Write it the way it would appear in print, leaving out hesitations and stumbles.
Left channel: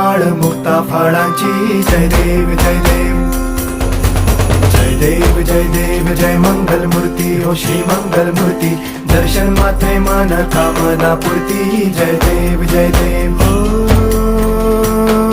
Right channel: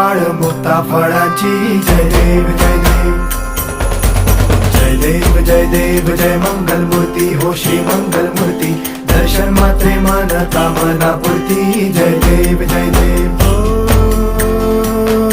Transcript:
माळ मुक्ता फळाची जय देव जय देव जय देव जय देव जय मंगल मूर्ती हो श्री मंगल मूर्ती दर्शन मात्रे मन कामना पूर्ती जय देव जय देव हो